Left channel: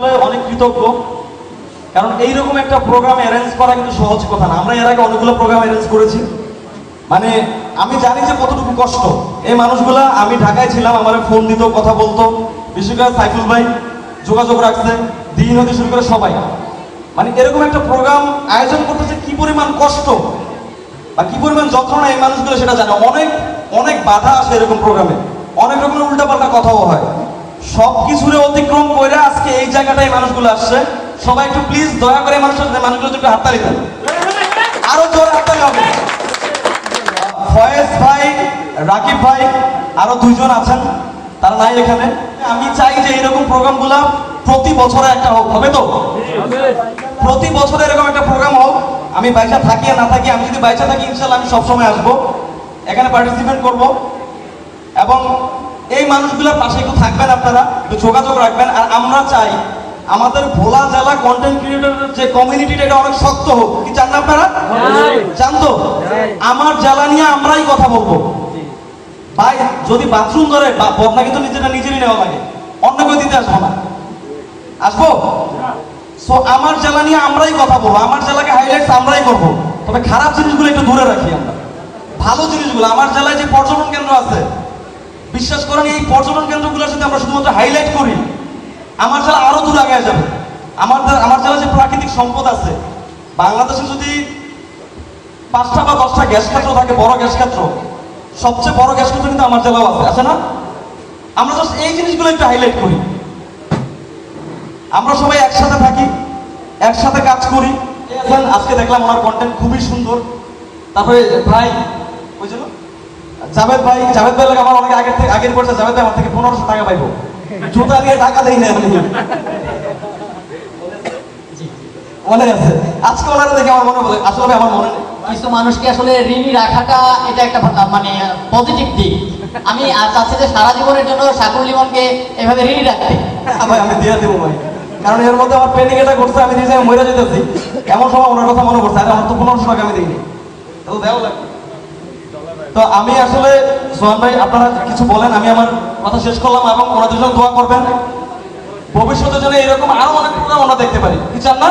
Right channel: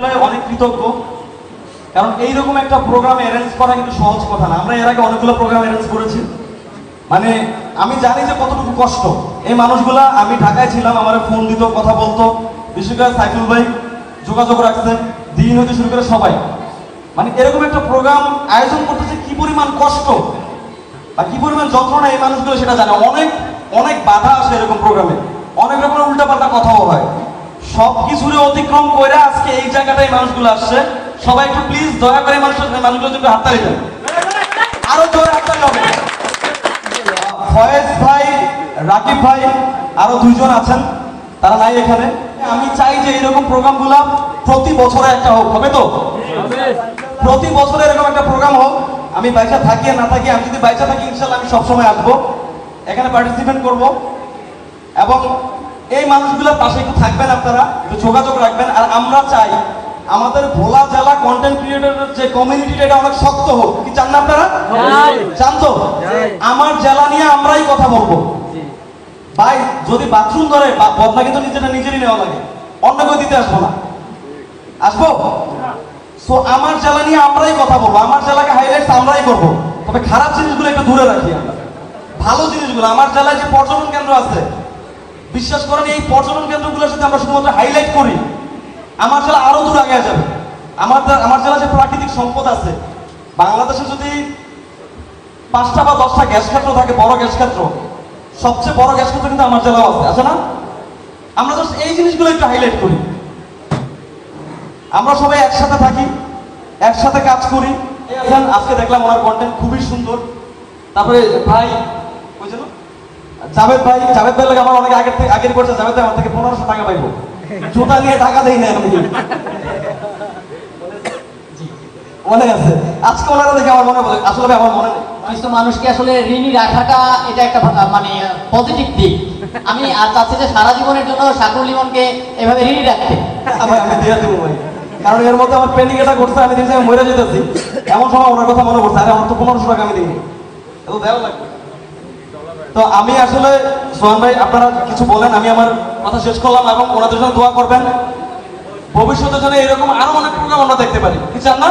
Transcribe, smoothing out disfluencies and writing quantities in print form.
অনেক কৃতজ্ঞ, কারণ এইরকম একটা প্রোগ্রাম অ্যারেঞ্জ করা কিন্তু সহজ কথা না। আমরা এর আগে অনেকগুলো প্রোগ্রাম অ্যারেঞ্জ করেছি, মানে আমি জানি যে কতটুকু কষ্ট। এই মানুষগুলা, আমি ঢাকায় ছিলাম, আমার ফোন দিত, কথা বলতো, বিশেষ করে সাইফুল ভাই যোগাযোগ রাখছে, দিন হতে শুরু করে সবাই। মানে এরকম একটা প্রোগ্রাম আয়োজন করতেছে কি পরিমাণ কষ্ট আর কি পরিমাণ যন্ত্রণা এই মানুষগুলো সেটা জানে। অনেক অনেক বাধা আসে এরকম প্রোগ্রামে, অনেক রকমের উল্টাপাল্টা কথাও হয়। সব কিছুরে অতিক্রম করে আজকে এই জায়গাটায় মানুষগুলো আসছে। সবাই একটু প্লিজ দয়া করে মানুষগুলো একটু হাততালি দেন, আরো জোরে হাততালি হবে। ফয়েজ ভাই, রাকিব ভাই, আরো দুইজন আছেন, তারা নাই এখানে। আমি চাই যে এরকম প্রোগ্রামগুলো প্রতি বছরে একটা হোক, হবে তো? প্রতি বছরে এরকম একটা প্রোগ্রাম হোক। আমি বাইচা থাকি আর না থাকি, আমি যদি বাইচা থাকি ইনশাল্লাহ আমি সবসময় আসবো, এখানে পার্টিসিপেট করব। এবং এই মানুষগুলোর পাশে একটু থাকবেন, আপনারা একটু যোগাযোগ রাখবেন। আর আমরা চাই আমাদের ভোলা জেলা কন্টেন্ট ক্রিয়েটরের যে কমিউনিটিটা, এটা অনেক শক্ত হোক। কি চান না আপনারা? চান তো? আমার জেলা নিয়ে আমরাই কথা বলবো ভাই। যদি বাথরুম ধরে বদনা কিন্তু নিজেরই নেওয়া লাগে, অন্য কেউ দিতে আসবো না। আসবো? সো আমার জেলা নিয়ে আমরাই কথা বলবো, আমার জেলাকে হাইলাইটস আমরাই করবো। তবে খারাপ জিনিসগুলো একটু দূরে রাখি আমরা, ভালো জিনিসগুলো। আমার জেলায় যে পর্যটন কেন্দ্র আছে, বিশ্বাস করেন এই পর্যটন কেন্দ্রগুলোর সাথে আমরা শুধুমাত্র হাইলাইট করি, আমার জেলা আরো দূর আগে যাবে। আমার জেলা যে প্রাকৃতিক সম্পদ আছে, বাংলাদেশে যদি 5টা বা 10টা গ্যাস ক্ষেত্র থাকে, বড় গ্যাস ক্ষেত্র, সবচেয়ে বড় গ্যাস ক্ষেত্র কিন্তু আমার জেলাও আছে না? আমরা জাস্ট এই জিনিসগুলো একটু হাইলাইট করি। আমরা সবাই একসাথে থাকি, একসাথে কাজ করি। আজকে দেখলাম ওনার কন্টেন্ট খুবই সুন্দর। তারপরে ভাই বুঝলো জাভেদ ভাই লাগে আমার অনেক আগের করছে। জাভেদ ভাই আমার থেকে 1500 টাকা পাইবো, জুতা নিয়ে টাকা দেই না আমি, মনে আছে? আজকে ওনারা দেখে আমার মনে বলে, আসলে আমার মনে নেই। কিছু মানুষকে আসলে ঋণী রাখাটা এটা একটা মানে পজিটিভ দিক। আমি চাচ্ছি যে সারা জীবনের জন্য শাকুর লিমনকে এভাবে ঋণী রাখতে। ভাই আমি দিয়ে দেবো ভাই, কারণ এর মধ্যে আমার পেন্ডিং এটা করছে, আমি নিজে মরে যেতেছি, এমন সময় ওনার কথা মনে করছে। আরে আমার তো 1500 টাকা আমি দিইনি, তো দেওয়া লাগে। তো আমি আসলে সোহান ভাই, আপনারা কিছু বলেন, আমি আমার কথা শেষ করলাম। এবং ওনাদের জন্য দোয়া করবেন, ভবিষ্যতে যেন এরকম আরো অনেক প্রোগ্রাম আমরা দেখতে পারি। কি চান না?